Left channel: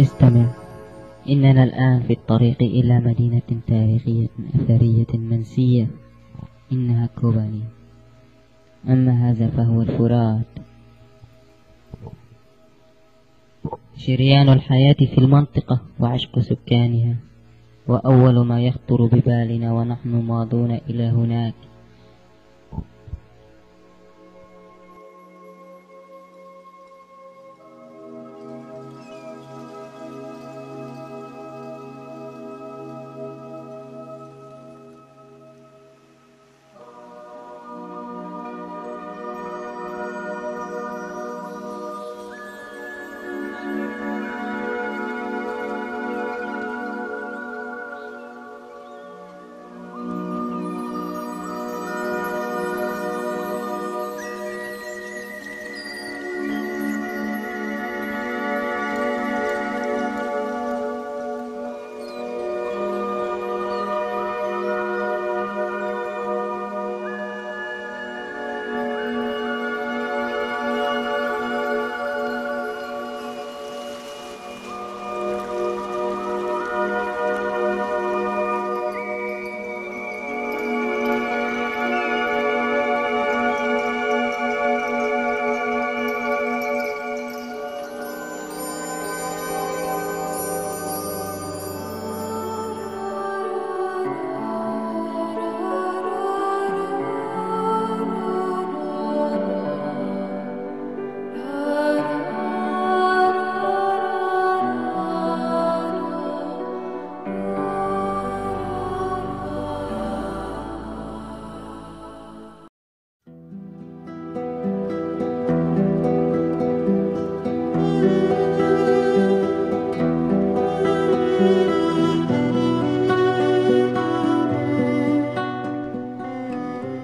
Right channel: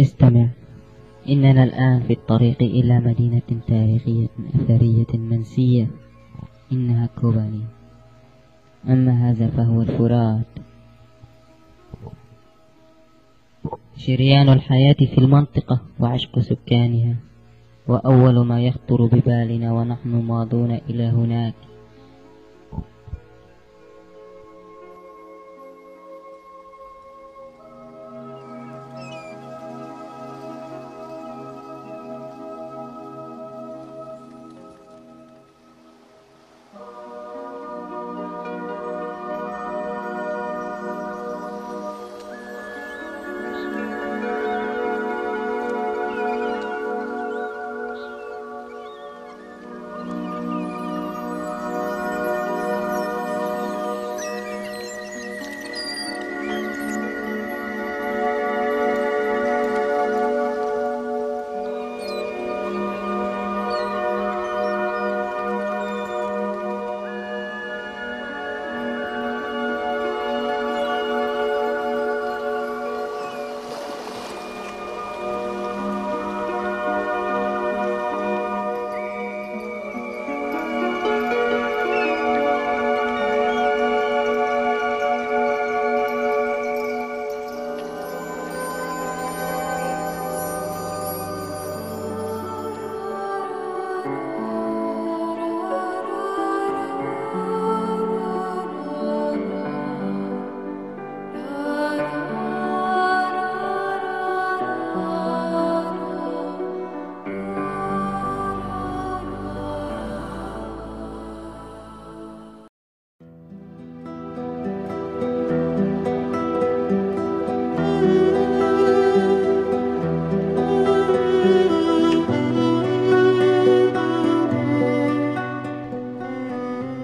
استمع، إننا الآن في الطريق إلى مدينة تاريخية أثرية منسية، إنها كوباني. أما هذا فهو الفرات، شريان الحياة في المنطقة وعشق سكانها، وأول ما يخطر ببالنا ونحن ماضون إلى هناك.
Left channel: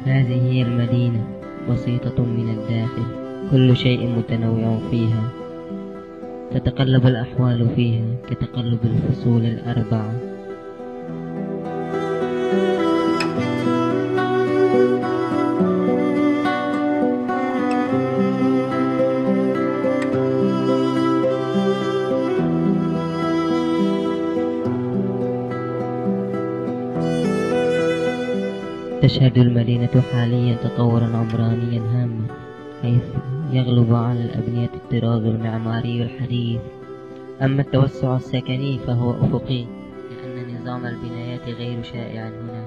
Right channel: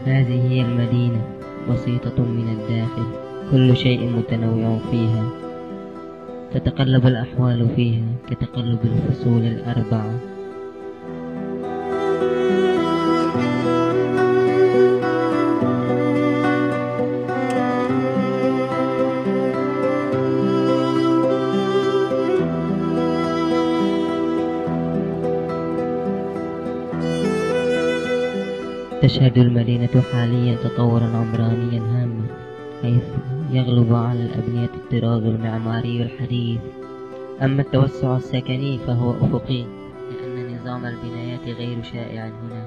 هذه هي المدينة، بسيطة من الداخل، كل شيء متنوع فيها، تتقلب الأحوال فيها كتقلب الفصول الأربعة. تشهد المدينة حاليا تطورا عمرانيا هاما، حيث يغلب على الأبنية الطراز المعماري الحديث. أما التوسع السكني فهو أفقي، لأن نظام البنايات غير شائع هنا.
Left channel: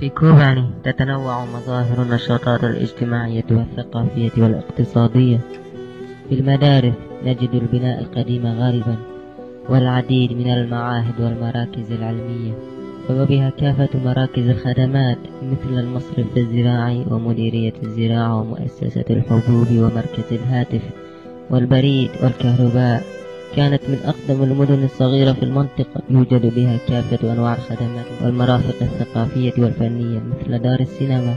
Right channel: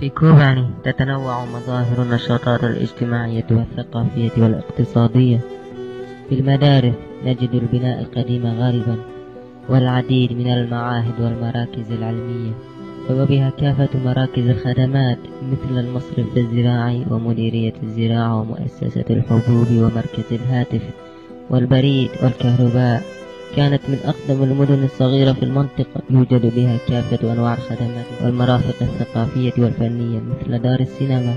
في كوباني تتنوع مظاهر النشاطات الاجتماعية والثقافية والاقتصادية. في المدارس نجد البناء القديم غالبا، والعديد من المعاهد والمراكز العلمية، وبها كافة مراكز الخدمات مثل المصرف الزراعي ومديرية الزراعة ومؤسسة الحبوب ومركز الهاتف والبريد والكهرباء. كانت من أقدم المدن الصغيرة في المنطقة، يوجد بها كافة أنواع الخدمات والمرافق الثقافية والفنية مثل دار السينما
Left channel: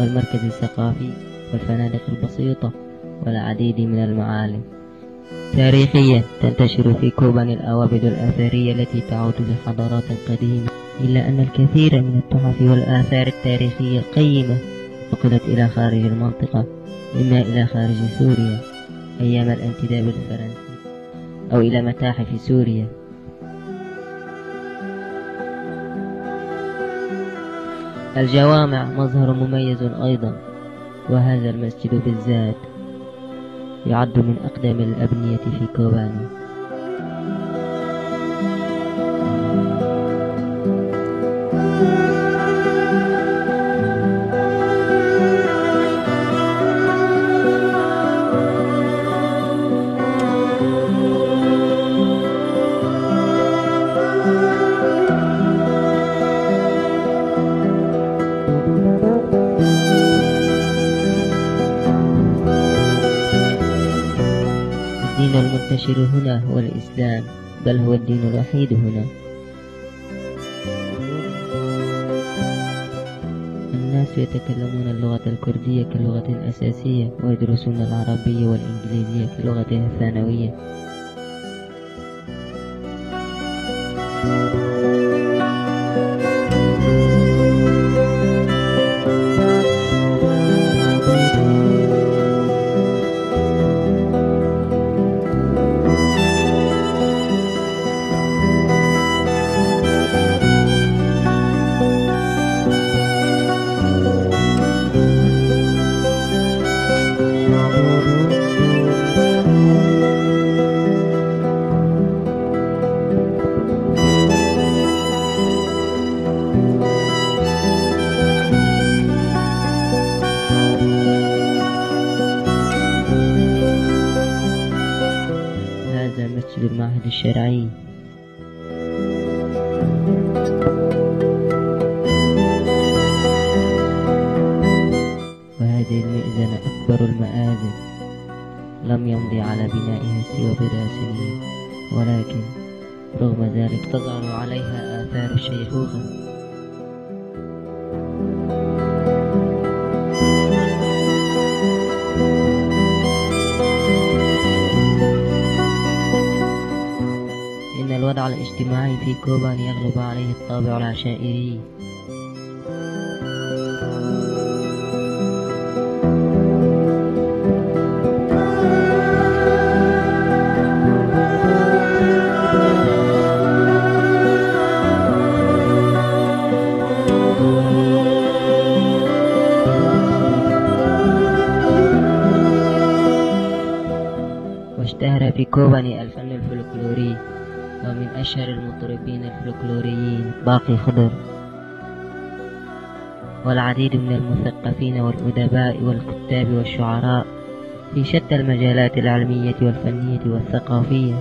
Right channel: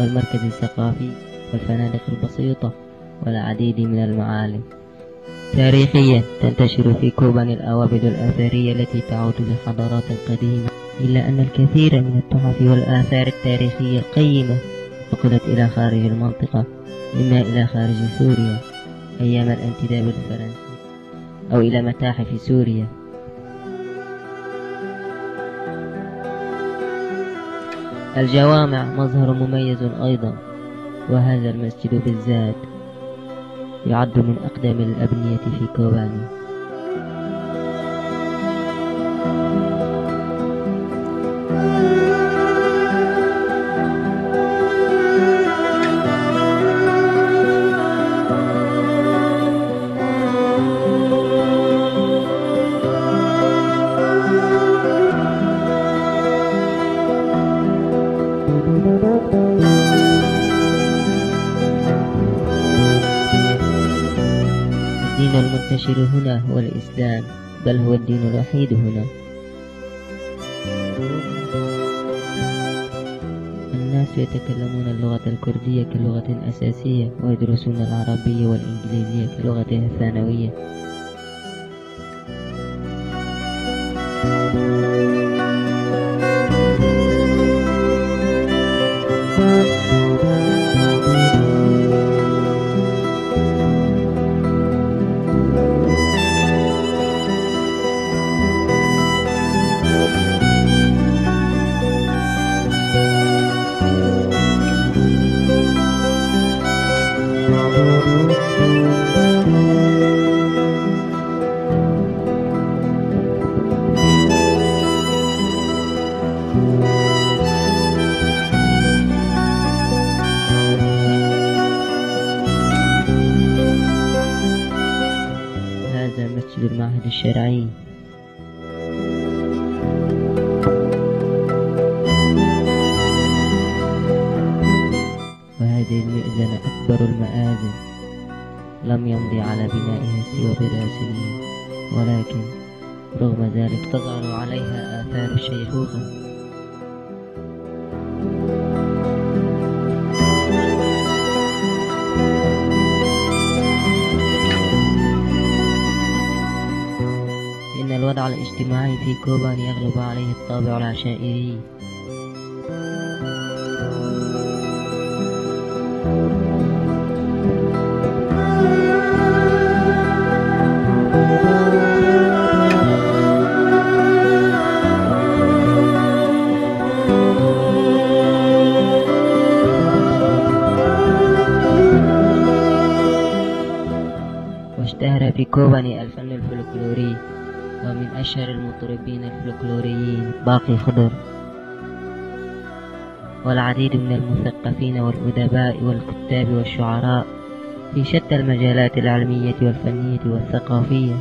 والمركز الثقافي والفنادق البسيطة والعديد من المعالم. تاريخيا تنتشر في كوباني الأوابد الأثرية التي تعود لحضارات قديمة، إلا أن الكثير من التحف والآثار التاريخية القيمة نقلت إلى خارج المنطقة، إما إلى خارج سوريا أيام الانتداب الفرنسي أو إلى متاحف سوريا. الجوامع مظهر مميز أيضا، وهذا المسجد بالذات يعد من أقدم الأبنية في كوباني. الدين المنتشر هنا هو الإسلام، بل هو الدين الوحيد هنا. الناس يتكلمون اللغة الكردية كلغة أساسية، ويدرسون العربية والإنجليزية كلغتها الثانوية. هذا مسجد المعهد الشرعي. وهذه المئذنة أكبر المآذن، لم يمضي على بنائها سوى بضع سنين، ولكن رغم ذلك تظهر عليها آثار الشيخوخة. إن الوضع الاجتماعي في كوبان يغلب عليه الطابع العشائري. واشتهر في كوباني الفن الفلكلوري، ومن أشهر المطربين الفلكلوريين باقي خضر، والعديد من المثقفين والأدباء والكتاب والشعراء في شتى المجالات العلمية والفنية والثقافية.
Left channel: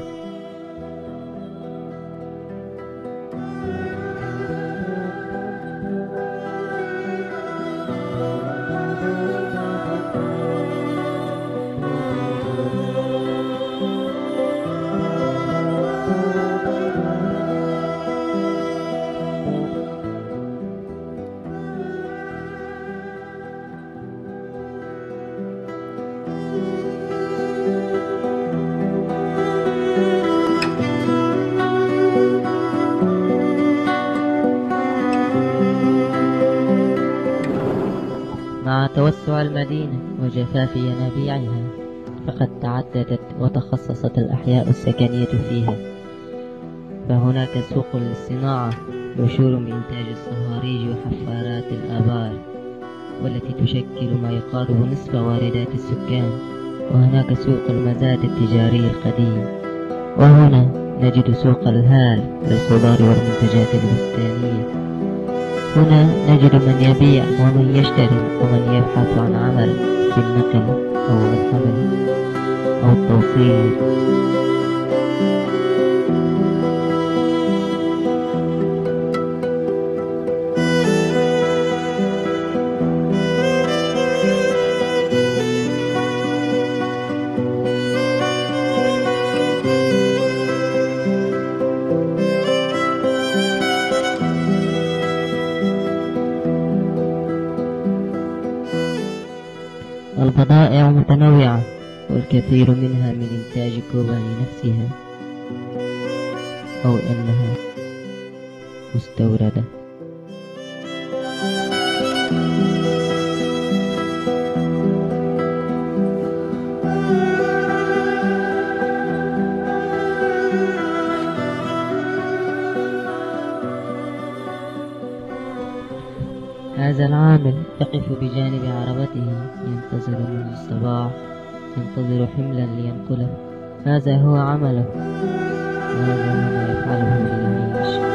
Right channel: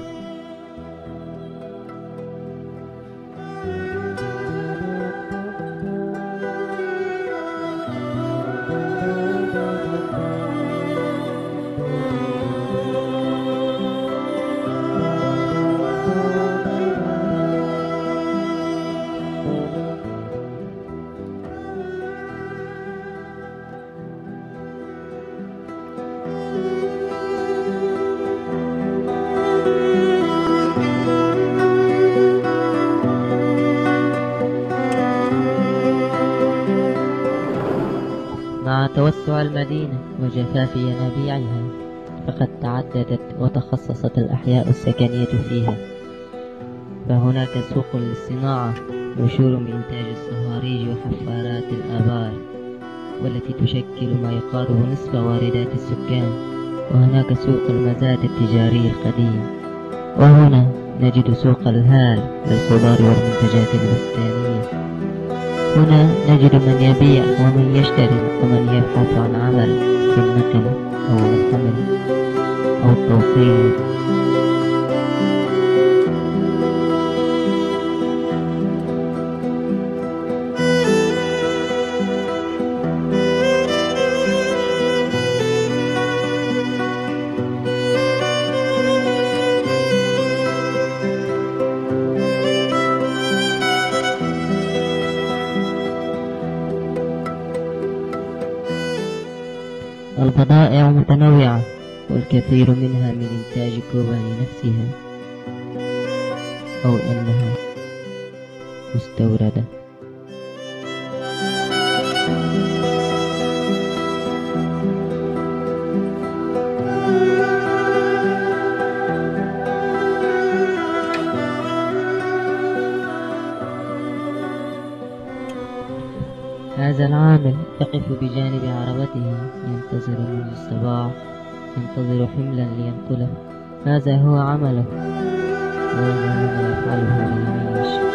مع توسع المدينة وجفاف ينابيعها، فقد تعددت وتخصصت الأحياء السكنية فيها، فهناك سوق للصناعة مشهور بإنتاج الصهاريج وحفارات الآبار، والتي تشكل ما يقارب نصف واردات السكان. وهناك سوق المزاد التجاري القديم، وهنا نجد سوق الهال للخضار والمنتجات البستانية. هنا نجد من يبيع ومن يشتري ومن يبحث عن عمل في النقل أو الحمل أو التوصيل. البضائع متنوعة، والكثير منها من إنتاج كوباني نفسها أو أنها مستوردة. هذا العامل يقف بجانب عربته ينتظر منذ الصباح، ينتظر حملا لينقله. هذا هو عمله، وهذا ما يفعله ليعيش.